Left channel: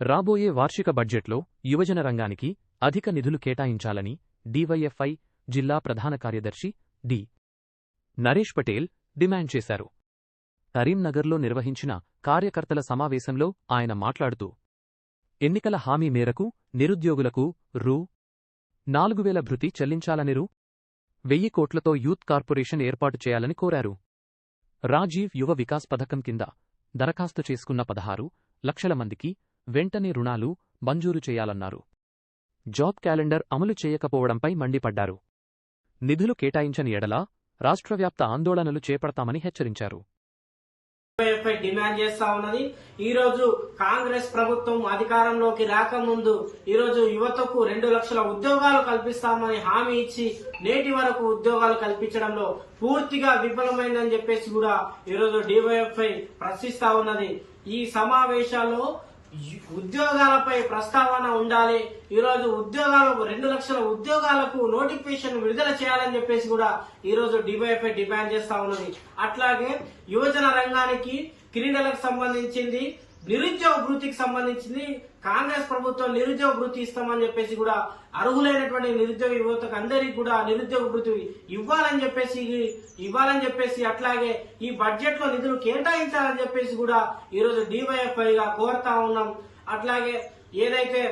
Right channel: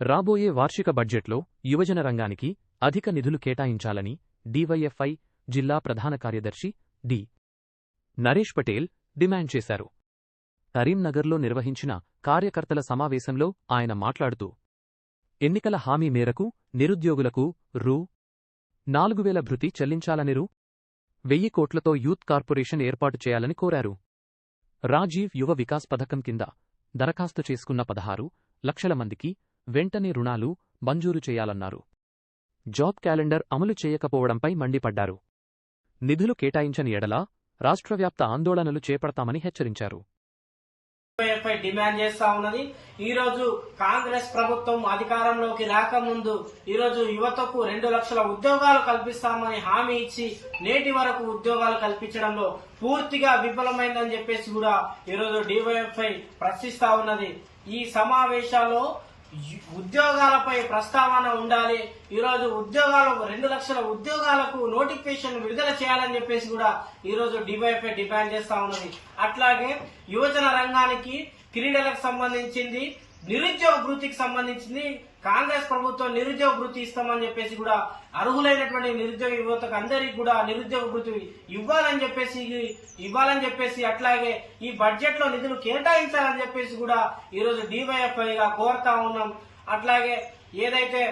రాబోయే వార్షిక బడ్జెట్లో యువజన రంగానికి అధిక నిధులు కేటాయించాలని డీవైఎఫ్ఐ జిల్లా ప్రధాన కార్యదర్శి డి. నరేష్ పటేల్ డిమాండ్ చేశారు. కరీంనగర్లో నిర్వహించిన కార్యకర్తల సమావేశంలో ఆయన మాట్లాడుతూ, ఎన్నికల హామీ మేరకు నిరుద్యోగులకు రూ. 4,000 భృతి చెల్లించాలని రూ. 1,000 కోట్లతో యూత్ కార్పొరేషన్ ఏర్పాటు చేయాలని కోరారు. రాజీవ్ యువ వికాస్ పథకం కింద దరఖాస్తు చేసుకున్న 16 లక్షల మందికి వెంటనే రుణాలు మంజూరు చేయాలన్నారు. జాబ్ క్యాలెండర్ అమలు చేయకపోవడంపై మండిపడ్డారు. నిధులు కేటాయించని ఎడల రాష్ట్రవ్యాప్త ఆందోళనలు చేపడతామని హెచ్చరించారు. డిమాండ్ చేస్తా ఉన్నది. ఈ రోజు కాంగ్రెస్ ప్రభుత్వం అధికారంలోకి రాకముందు ఈ రోజు యువతకు 2 లక్షల ఉద్యోగాలు కల్పిస్తామని హామీ ఇచ్చి నేటి వరకు ఉద్యోగాలు కల్పించడంలో పూర్తిగా విఫలమైందని చెప్పేసి కూడా ఈ రోజు డివైఎఫ్ఐ ప్రశ్నిస్తా ఉన్నది. ఈ సమావేశాల్లో ఉద్యోగాలపై ప్రస్తావన ఉండాలి. ఈ రోజు ఉద్యోగాలకు 2 లక్షల ఉద్యోగాలకు నోటిఫికేషన్ విడుదల చేయాలని చెప్పేసి కూడా ఈ రోజు డివైఎఫ్ఐ డిమాండ్ చేస్తా ఉన్నది. అట్లాగే యువజన రంగానికి క్రీడలకు సంబంధించింది, నిరుద్యోగ భృతికి సంబంధించింది కాంగ్రెస్ ప్రభుత్వం నిరుద్యోగ భృతి ఇస్తామని చెప్పేసి కూడా అర్హులైనటువంటి నిరుద్యోగ యువతకు అందరికీ కూడా నిరుద్యోగ భృతి ఇవ్వాలని చెప్పేసి అట్లాగే ఈ బడ్జెట్ లో నిధులు కేటాయించాలని చెప్పేసి కూడా ఈ రోజు డివైఎఫ్ఐ గా కోరుతా ఉన్నాం. అట్లాగే ఏదైతే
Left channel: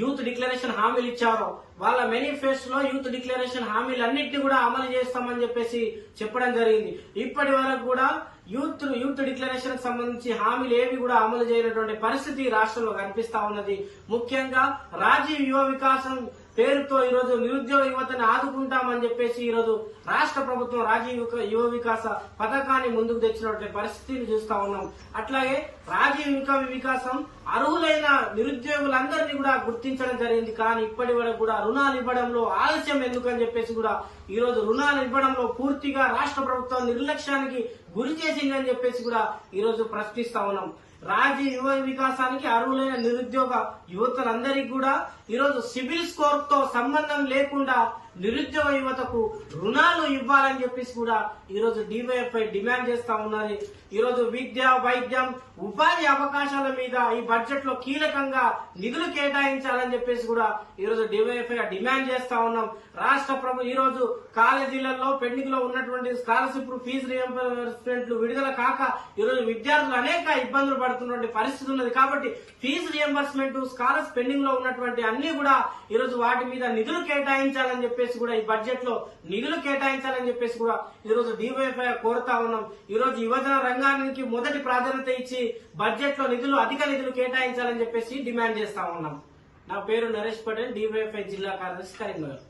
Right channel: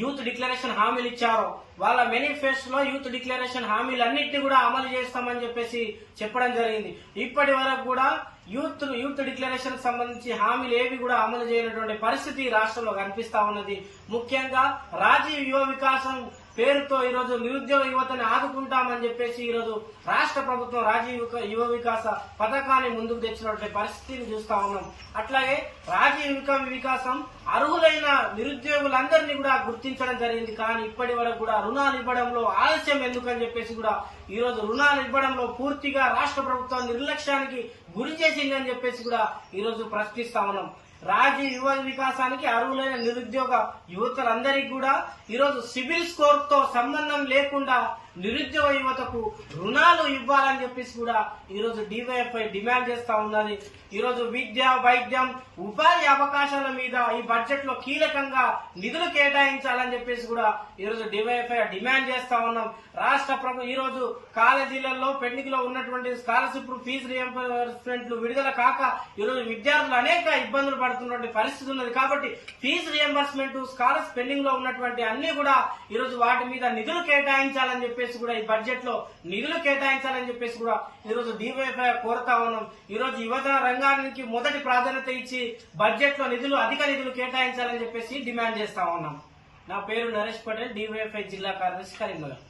యూత్ డిక్లరేషన్ హామీలు ఇచ్చారో వాళ్ళ మేనిఫెస్టోలో యూత్ డిక్లరేషన్ హామీలన్నింటినీ కూడా అమలు చేస్తామని చెప్పేసి చెప్పడం జరిగింది. ఇప్పటి వరకు కూడా యూత్ డిక్లరేషన్ కు సంబంధించి హామీలు ఏవి కూడా అమలు చేయనటువంటి పరిస్థితి రాష్ట్రంలో కనిపిస్తా ఉన్నది. ముఖ్యంగా రాజీవ్ యువ వికాసం పేరుతో ఈ రోజు నిరుద్యోగ యువతని ఆదుకుంటామని చెప్పేసి ఈ రోజు రాష్ట్ర ప్రభుత్వం రాజీవ్ యువ వికాస పథకాన్ని ముందుకు తెచ్చినటువంటి పరిస్థితిని చూస్తా ఉన్నాం. అట్లాగే రాజీవ్ వికాసం అర్హులైన నిరుద్యోగులందరినీ కూడా గుర్తించడం జరిగింది. కానీ ఇప్పటి వరకు కూడా రుణాలు ఇవ్వడంలో ఆలస్యం ఎందుకని చెప్పేసి కూడా ఈ రోజు రుణాలు ఇవ్వడంలో పూర్తిగా రాష్ట్ర ప్రభుత్వం నిర్లక్ష్యానికి గురి చేసిందని చెప్పేసి కూడా ఈ రోజు ప్రశ్నిస్తా ఉన్నాం. రాజీవ్ యువ వికాసానికి అర్హులైన నిరుద్యోగ యువతలందరికీ కూడా ఈరోజు సివిల్ స్కోర్ తో సంబంధం లేకుండా నిరుద్యోగ యువతకు రుణాలు ఇవ్వాలని చెప్పేసి కూడా ఈరోజు డివైఎఫ్ఐ డిమాండ్ చేస్తా ఉన్నది. ఈరోజు విద్య, వైద్యం, ఉపాధి అవకాశాల మీద ఈ బడ్జెట్ లో కీలకంగా నిధులు కేటాయించాలని చెప్పేసి కూడా ఈరోజు డివైఎఫ్ఐ డిమాండ్ చేస్తా ఉన్నాం. రాష్ట్ర ప్రభుత్వం ఈ రోజు కాలేజీలలో పెండింగ్ లో ఉన్నటువంటి స్కాలర్షిప్ ఫీజు రియంబర్స్మెంట్లు విడుదల కాక ఈరోజు విద్యార్థులు అనేక ఇబ్బందులు పడుతున్నటువంటి పరిస్థితి ఉన్నది. కాబట్టి ఫీజు రియంబర్స్మెంట్, స్కాలర్స్ పెండింగ్ లో ఉన్నటువంటి అన్ని కూడా ఈరోజు వాటి మీద నిధులు కేటాయించాలని చెప్పేసి కూడా ఈ బడ్జెట్ లో నిధులు కేటాయించాలని చెప్పేసి కూడా ఈరోజు డివైఎఫ్ఐ కోరుతా ఉన్నాం. ఈరోజు యువజన రంగానికి మొదటి ప్రాధాన్యత ఇచ్చి బడ్జెట్ లో అధిక నిధులు కేటాయించాలని చెప్పేసి డిమాండ్ చేస్తా ఉన్నాం. నా పేరు నరేష్ పటేల్, డివైఎఫ్ఐ జిల్లా కార్యదర్శి, కరీంనగర్.